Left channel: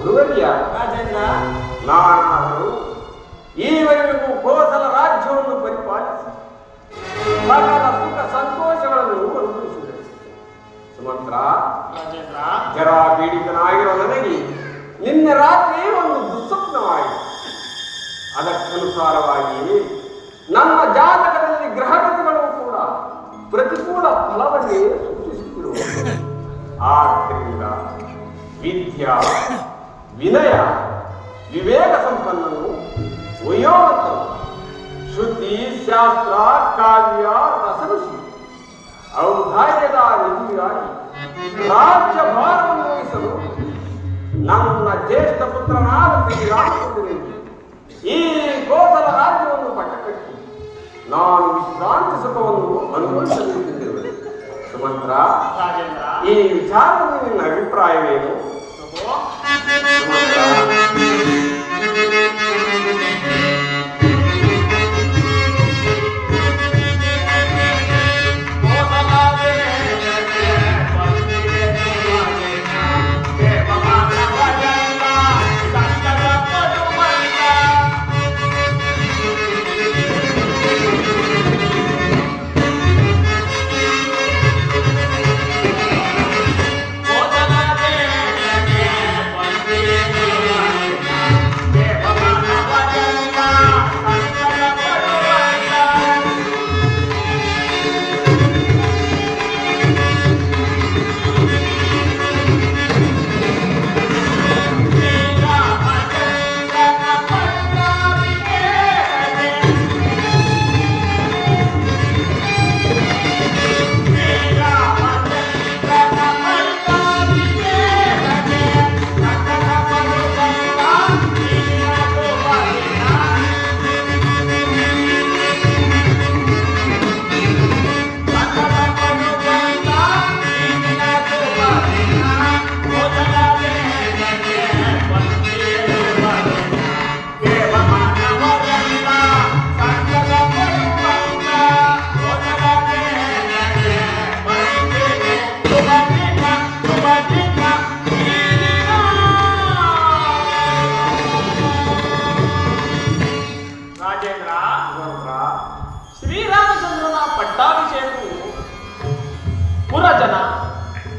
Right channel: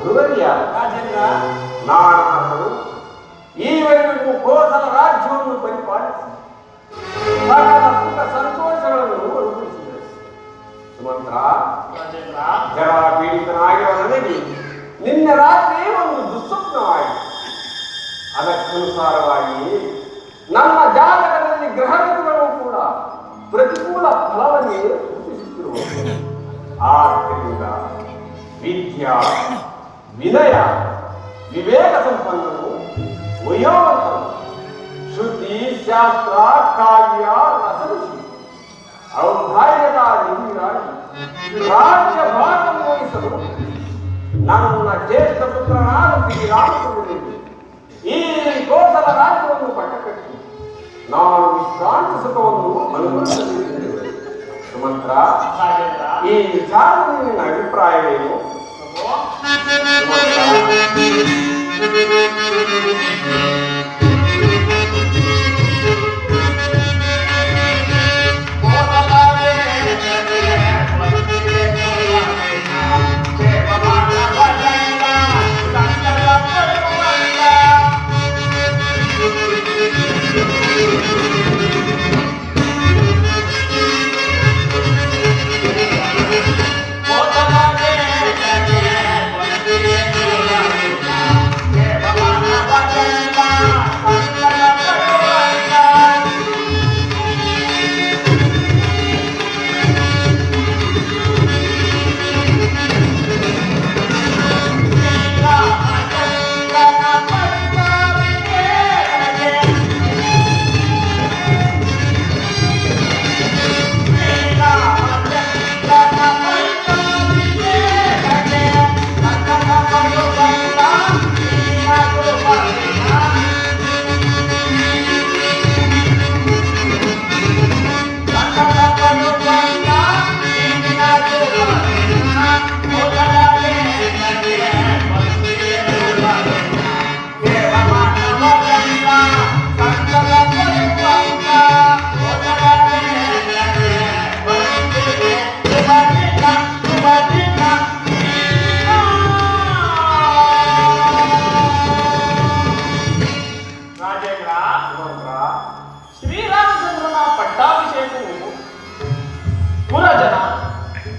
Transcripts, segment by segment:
ಗುರುವರ್ಯ, ನಾನಾದರೂ ಈವರೆಗೂ ಕೋಸಲ ರಾಜ್ಯವನ್ನು ಪರಿಪಾಲಿಸಿ ಸಕಲ ಸುಖ ಸಂತೋಷಗಳನ್ನು ಅನುಭವಿಸಿದರು. ಸುಮಂತ್ರ, ಜರಾ ಪೀಡಿತನಾಗಿರುವ ನನಗೆ ನಿನ್ನೆ ರಾತ್ರಿ ಒಂದು ದುಸ್ವಪ್ನವಾಯಿತು. ಅದಕ್ಕನುಸಾರವಾಗಿ ನಮ್ಮ ಜಾತಕದಲ್ಲಿ ಗ್ರಹಗತಿಗಳು ಕೂಡ ಪ್ರತಿಕೂಲ ಫಲವನ್ನೇ ಸೂಚಿಸುತ್ತಿರುವ. ಆದ್ದರಿಂದ ವಿದ್ಯಾ, ವಿನಯ, ವಿವೇಕ ಸಂಪನ್ನನು, ವಯೋವಂತನು, ಶ್ರುತಿ, ಶಾಸ್ತ್ರ, ಕಾವ್ಯ, ರಸಋಷಿ, ಔದಾರ್ಯದ ನಿಧಿಯಾಗಿ ರಾಜ್ಯಭಾರವನ್ನು ವಹಿಸಲು ನನ್ನ ಜ್ಯೇಷ್ಠ ಪುತ್ರನಾದ ಶ್ರೀರಾಮಚಂದ್ರನಿಗೆ ಈ ಕೋಸಲ ರಾಜ್ಯವನ್ನು ಪಟ್ಟಕಟ್ಟಿ ನಾನು ವಿಶ್ರಾಂತಿ ಸುಖವನ್ನು ಅನುಭವಿಸಬೇಕೆಂದಿರುವೆ. ಸುಮಂತ್ರ, ಈ ವಿಚಾರದ ನಿನ್ನ ಅಭಿಪ್ರಾಯವೇನು?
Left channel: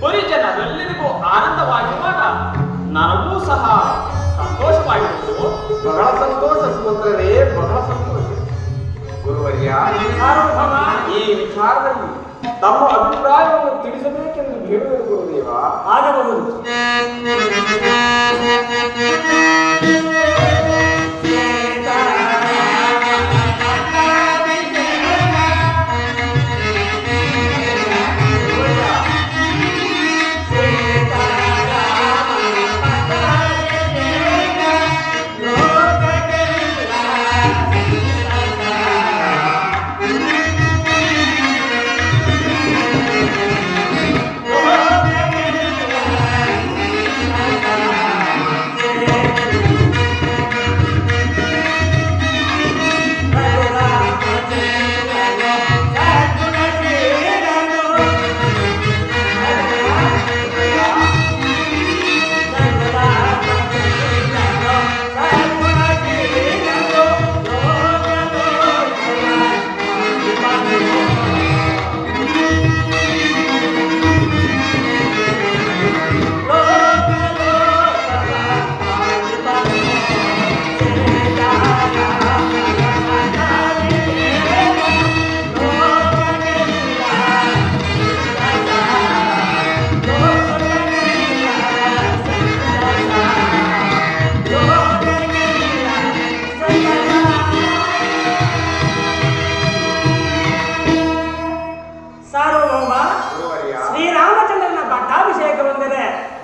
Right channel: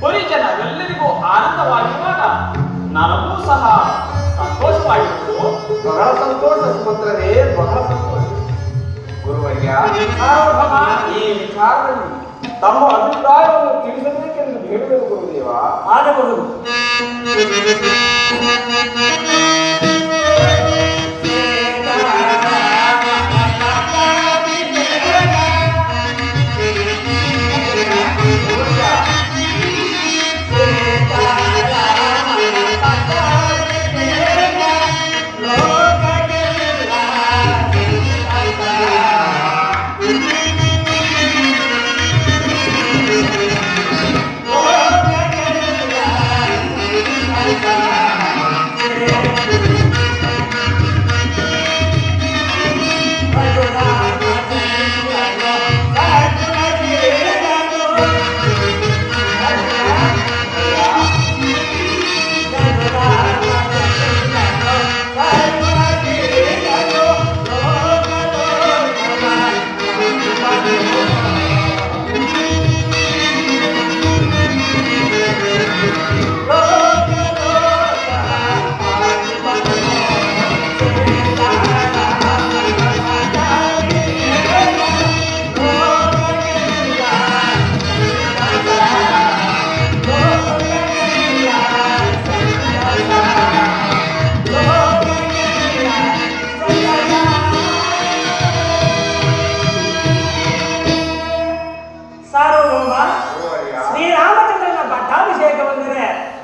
ಪರಿಜನರೆಲ್ಲರಿಗೂ ಆನಂದವಾಗಿರುವಾಗ ನನಗೂ ಸಹ ಸಂತೋಷವಾಗಿತ್ತು. ಬಹಳ ಸಂತೋಷ ಸುಮಂತ್ರರೇ, ಬಹಳ ಸಂತೋಷ. ಗುರುವರ್ಯ, ಈ ವಿಚಾರದಲ್ಲಿ ತಮ್ಮ ಅಭಿಪ್ರಾಯವನ್ನು ತಿಳಿಸಬೇಕೆಂದು ಹೇಳುವುದು ಗುರುದೇವ. ಆಗಬಹುದು.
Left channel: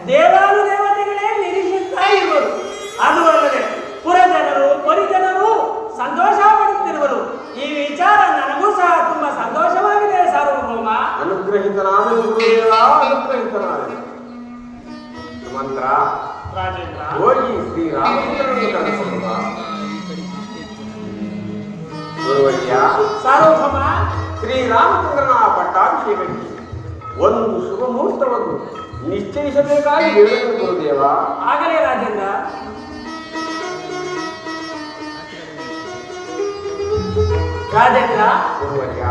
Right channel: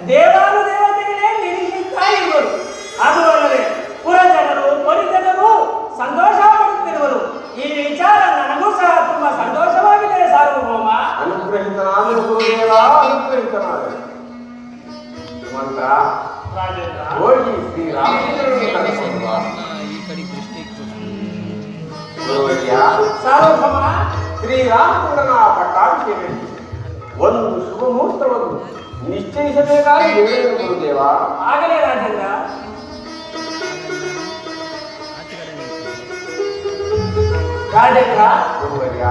ದೇವಾನುದೇವತೆಗಳೇ ನಿರೀಕ್ಷಿಸ್ತಾ ಇರುವರು. ಅದು ಅಲ್ಲದೆ ಪುರಜನರು ಪರಿಜನರು ಸಂತೋಷ ಪಡುತ್ತಿರುವರು. ಈ ವಿಚಾರ ನನಗೂ ಸಹ ತುಂಬಾ ಸಂತೋಷವಾಗಿದೆ ಸಾರ್ವಭೌಮ. ಅನುಗ್ರಹಿತನಾದ ಗುರುದೇವ, ಅನುಗ್ರಹಿತನಾದ ಮಂತ್ರ ಹೋಗಿ ಶ್ರೀರಾಮಚಂದ್ರನಿಗೆ ಕಳಿಸುವ. ಸಾರ್ವಭೌಮ, ಶ್ರೀರಾಮಚಂದ್ರನ ಪಟ್ಟಾಭಿಷೇಕಕ್ಕೆ ಒಂದು ಶುಭ ಮುಹೂರ್ತವನ್ನು ನಿಶ್ಚಯಿಸಬೇಕಾಗಿ ಹೇಳುವುದು ಗುರುದೇವ. ಆಗಲೇ ರಾಜೇಂದ್ರ. ರಾಜೇಂದ್ರ ಗುರುವರ್ಯ